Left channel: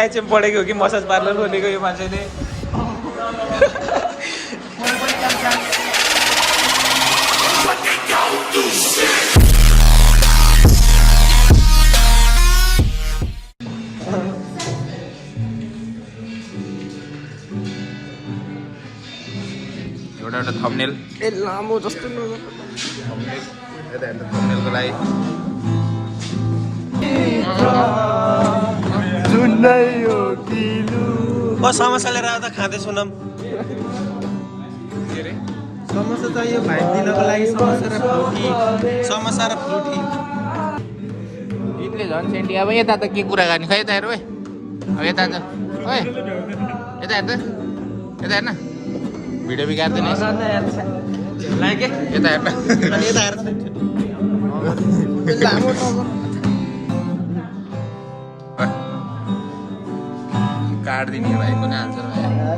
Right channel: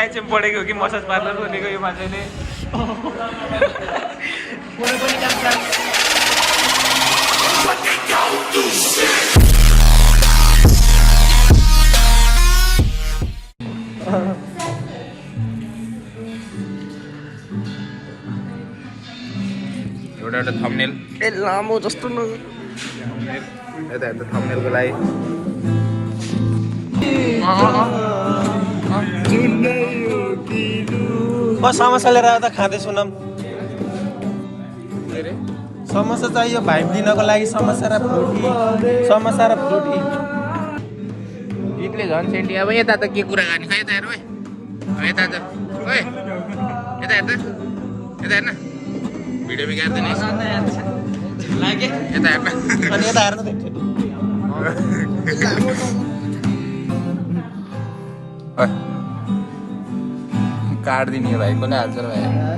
HM पढेको हो कि मसाज पार्लर खोलेको यो मान्छेले एउटा थम्बनेल ए लामो जस्तो थम्बनेलको लागि समोसा लिएर आउँदा खाँदैछु न समोसा चाहियो भाइ दिनको लागि समोसा र फ्रुटी गीतले झन् सेन्टी अब यता त के कुरा गर्ने खै यता हेर ओए अब यता त ओए यता हेर हेर्न भिडियो बिगार्दैन यता हेर्न अनि यता हेर्न काट दिने भाइ कसले हाल्छ र भाइ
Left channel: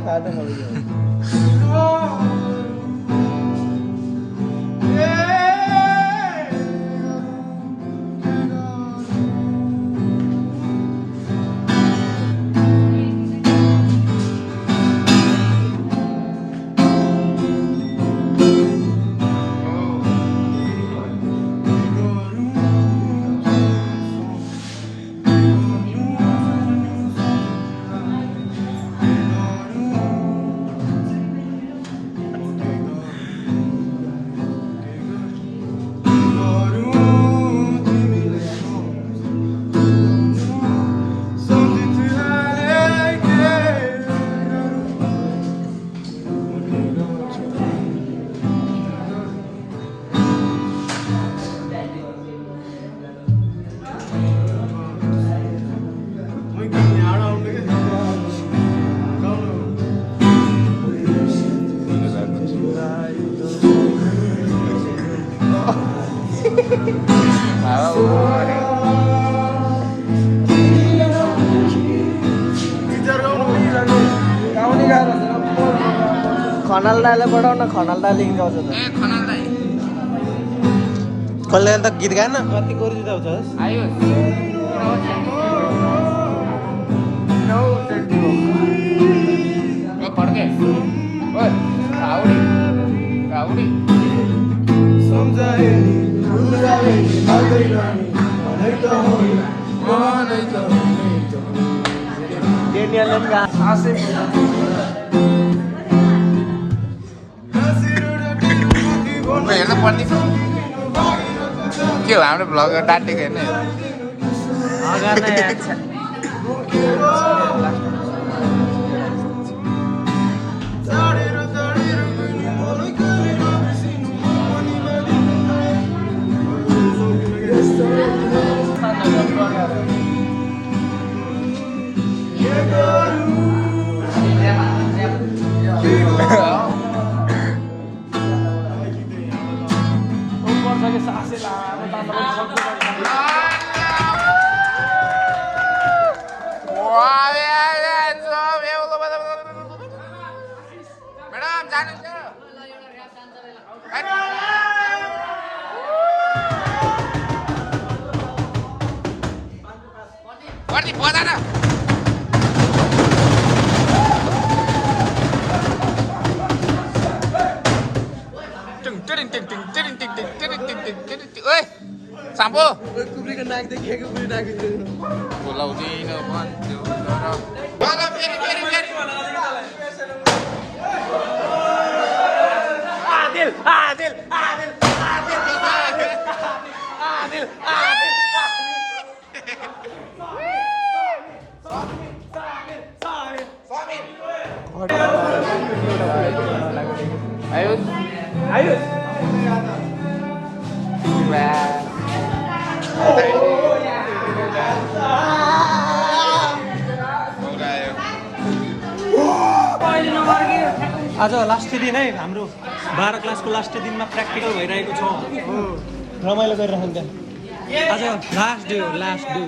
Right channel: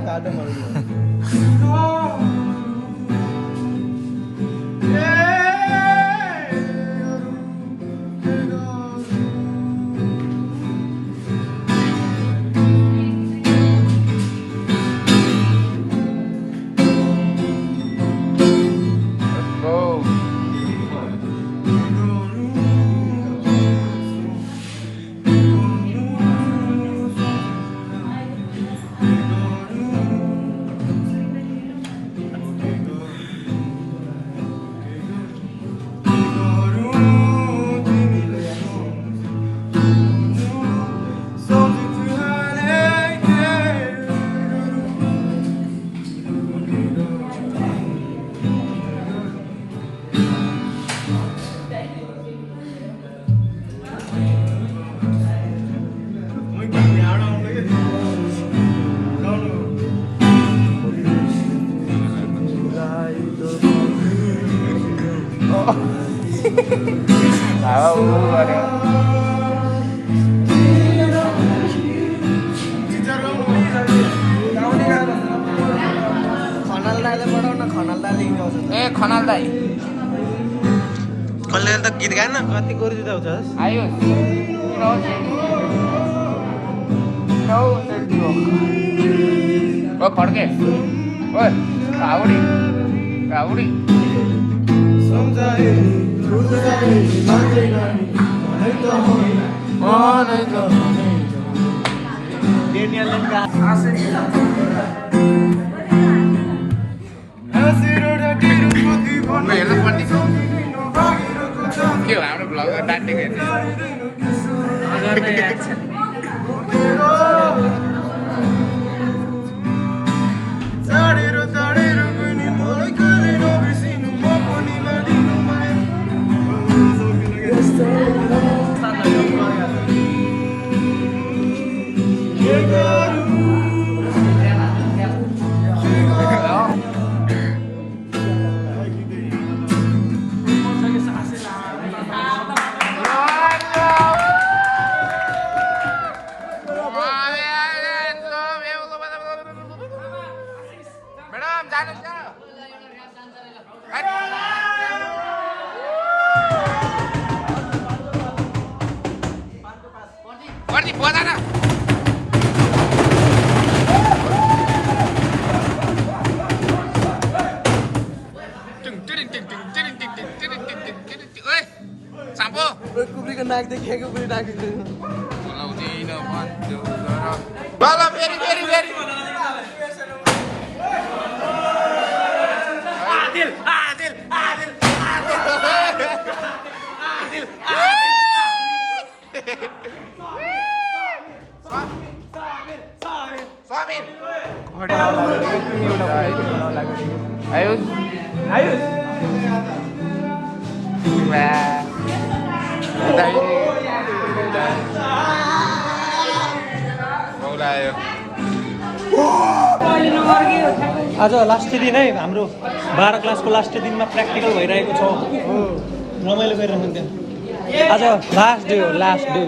खनाल दाइ कसले त गीत गाएन कति गरिदिँदा हुन्छ आयो ओ फड्के ओ काउडी काउडी सम्झाए हेर्न पर्ने के हो हाम्रो भ्लग डाट्ने छैन Sampo. कुब्रीको नाक देखेको पनि राखिदिनु बोलाउँदिन भन्छु तर बोला फेरि फेरि फेरि आदिल आदिल आदिल आदिल आयुष आयुष आज लास्ट दिन है हाम्रो 12 क्लासको लास्ट दिनमा प्र्याक्टिकल भइरहेको छ रमाइलो गरिरहनु त्यहाँ आज लास्ट डे हो लास्ट डे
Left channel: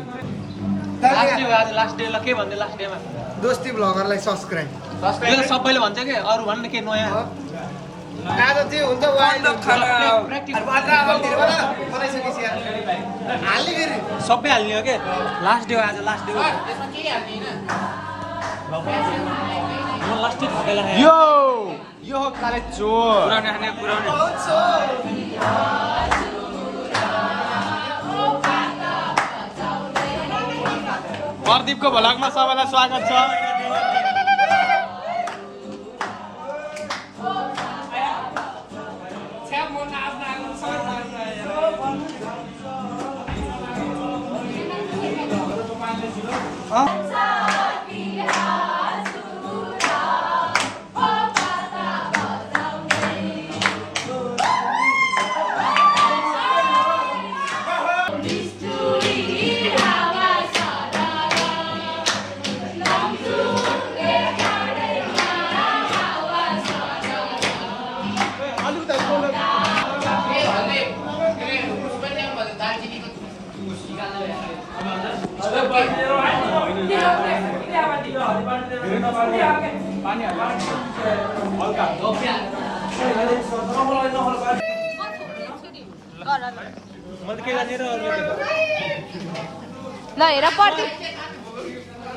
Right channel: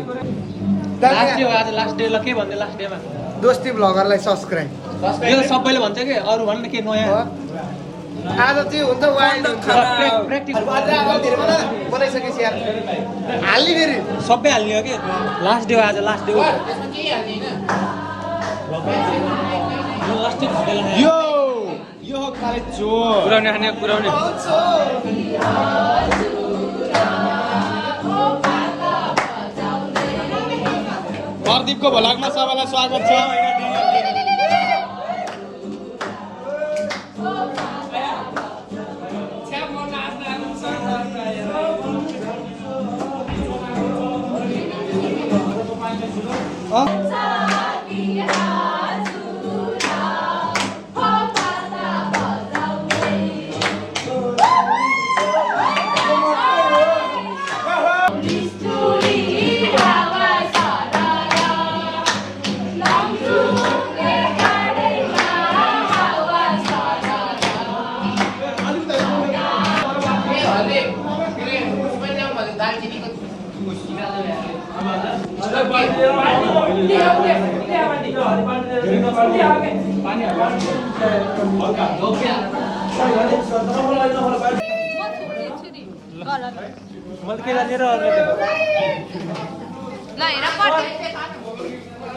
आज लास्ट डे ल के भन्दै लास्ट डेमा दोस्ती भ्लगरलाई सब्सक्राइब यो त सबैले भन्थ्यो कि अरू भन्नु के नयाँ आज चाहिँ हुन्छ वाइल्ड बनाइसकेपछि यार हाल्ने फेरि सबै हाल्ने हो के लास्ट डे हो आज लास्ट डे हो यो हो खाले चोर पुराउने खाने पुराउने प्रदीपको भ्लगमा सबैलाई स्वागत छ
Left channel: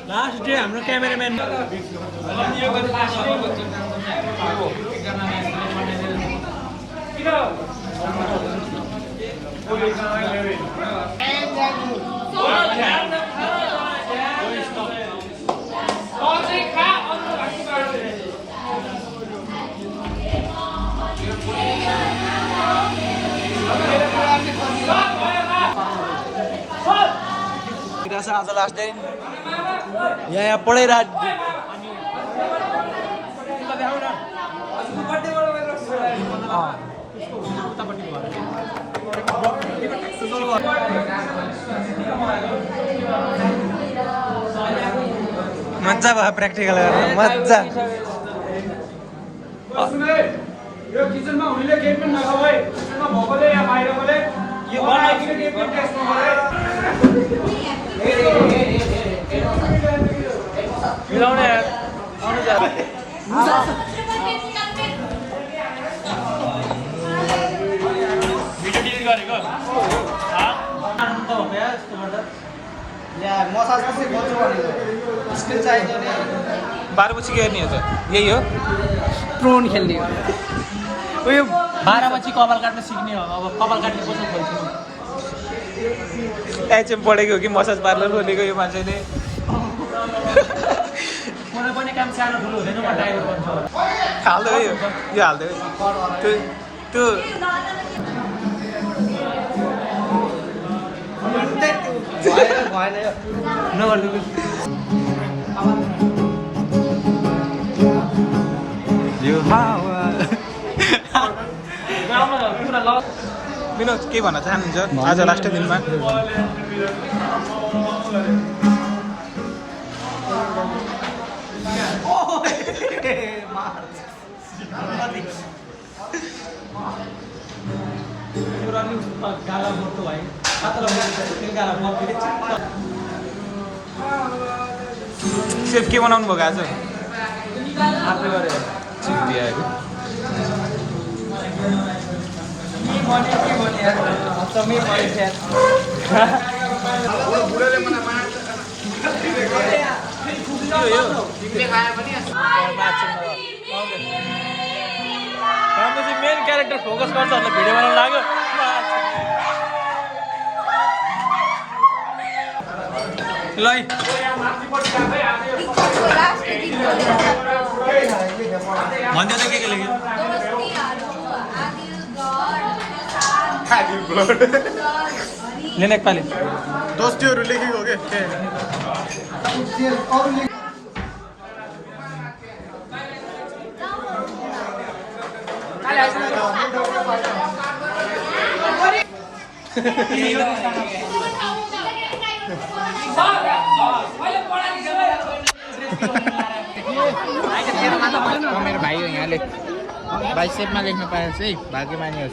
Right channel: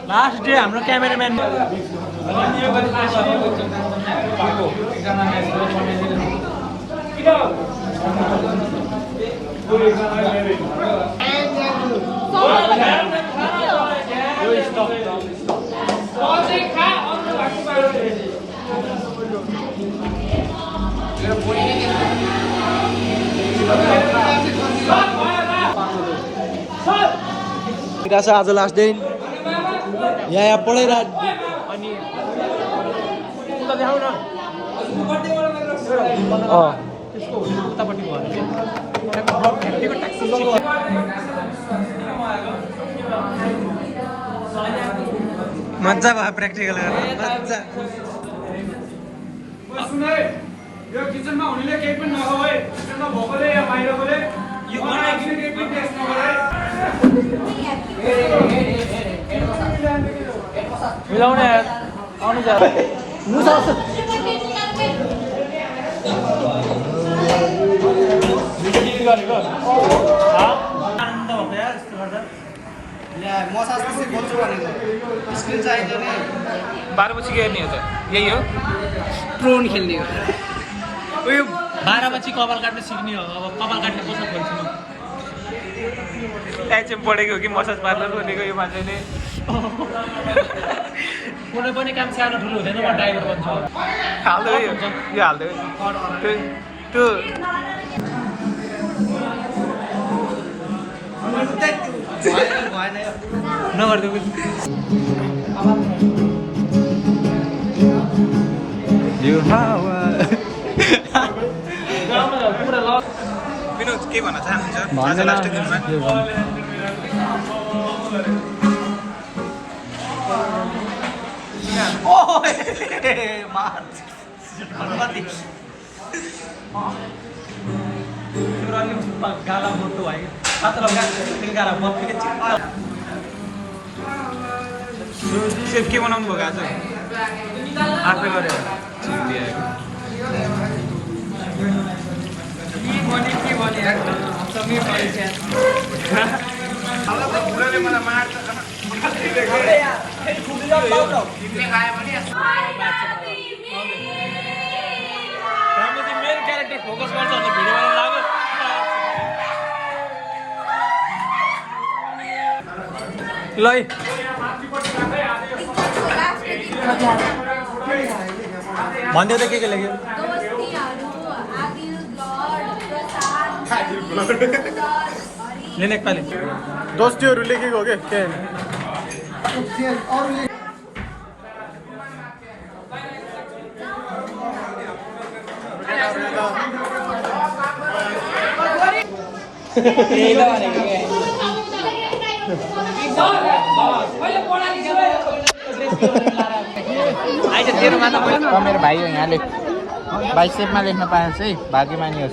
लास्ट डे हाम्रो क्यामेराम्यान आज लास्ट डे यहाँ पढेर अनि मजा भयो प्र्याक्टिकल गरेर मजा यो किचनमा हुनेले केही पनि नखाऊ है किचनमा भएकोले या बाहिरकोले यो बनाइकिन केही पनि टेस्ट नगरे मिलाउने आउनु जा भिडियो डिलिट गरेको आनन्द हो यार यस्तो गर्दा मसाज कसरी गर्छु भनेको स्किल चाहिएको नि 12 पछि के गर्ने हो त यही हो प्रोन खेल्ने हो उयो 12 पछि कपाल काट्न सिक्ने हो अब कपाल काट्ने कसो खोज्नु एचएम पढेको हो कि मसाज पार्लर खोलेको यो मान्छेले कुनै पनि काम सानो ठुलो हुँदैन म ड्राइभर बन्छु हाल्दै यो हाल्दै त्यो नगर्दै यो हावा पुरा ल विनोद के भन्न चाहनुहुन्छ आज लास्ट दिनमा गाला बोल्नु भयो गाला सेफ के बनाउनु भएको आज आफै गऱ्यो मेन क्यारेक्टर फोकस गर्छ भने भिडियो बनाउनु लाग्यो ल भन्दै त के लेख्यो नेपाली दोस्तीहरू लेखेको हो के मेरो भाइ हो यहाँले भाइ सेटमा लेख्न पाएछ है भाग्यमानी हो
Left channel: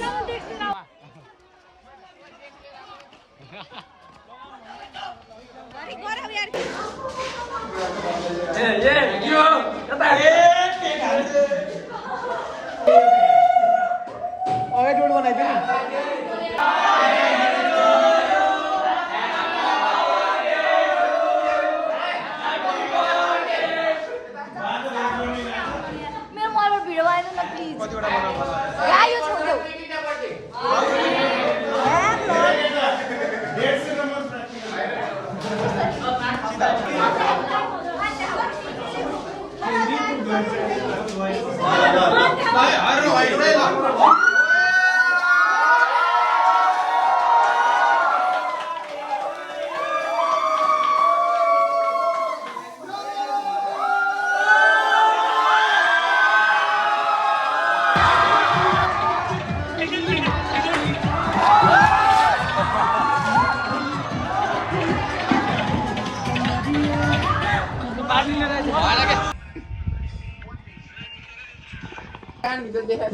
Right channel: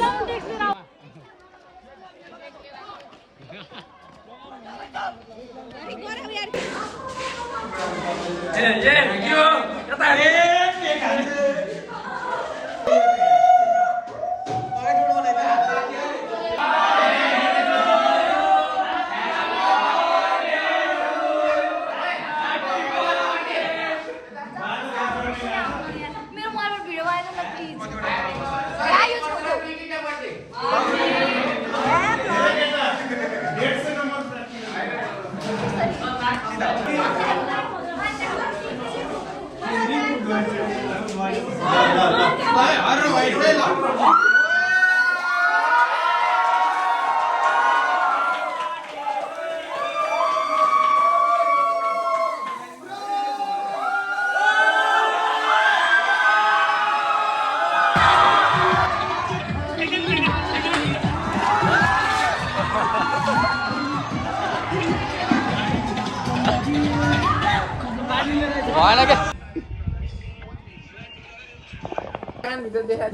मेरो मोबाइलमा भिडियो भएन क्या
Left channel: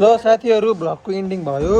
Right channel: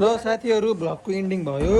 ल साथीहरू भ्लगको एन्डिङ भयो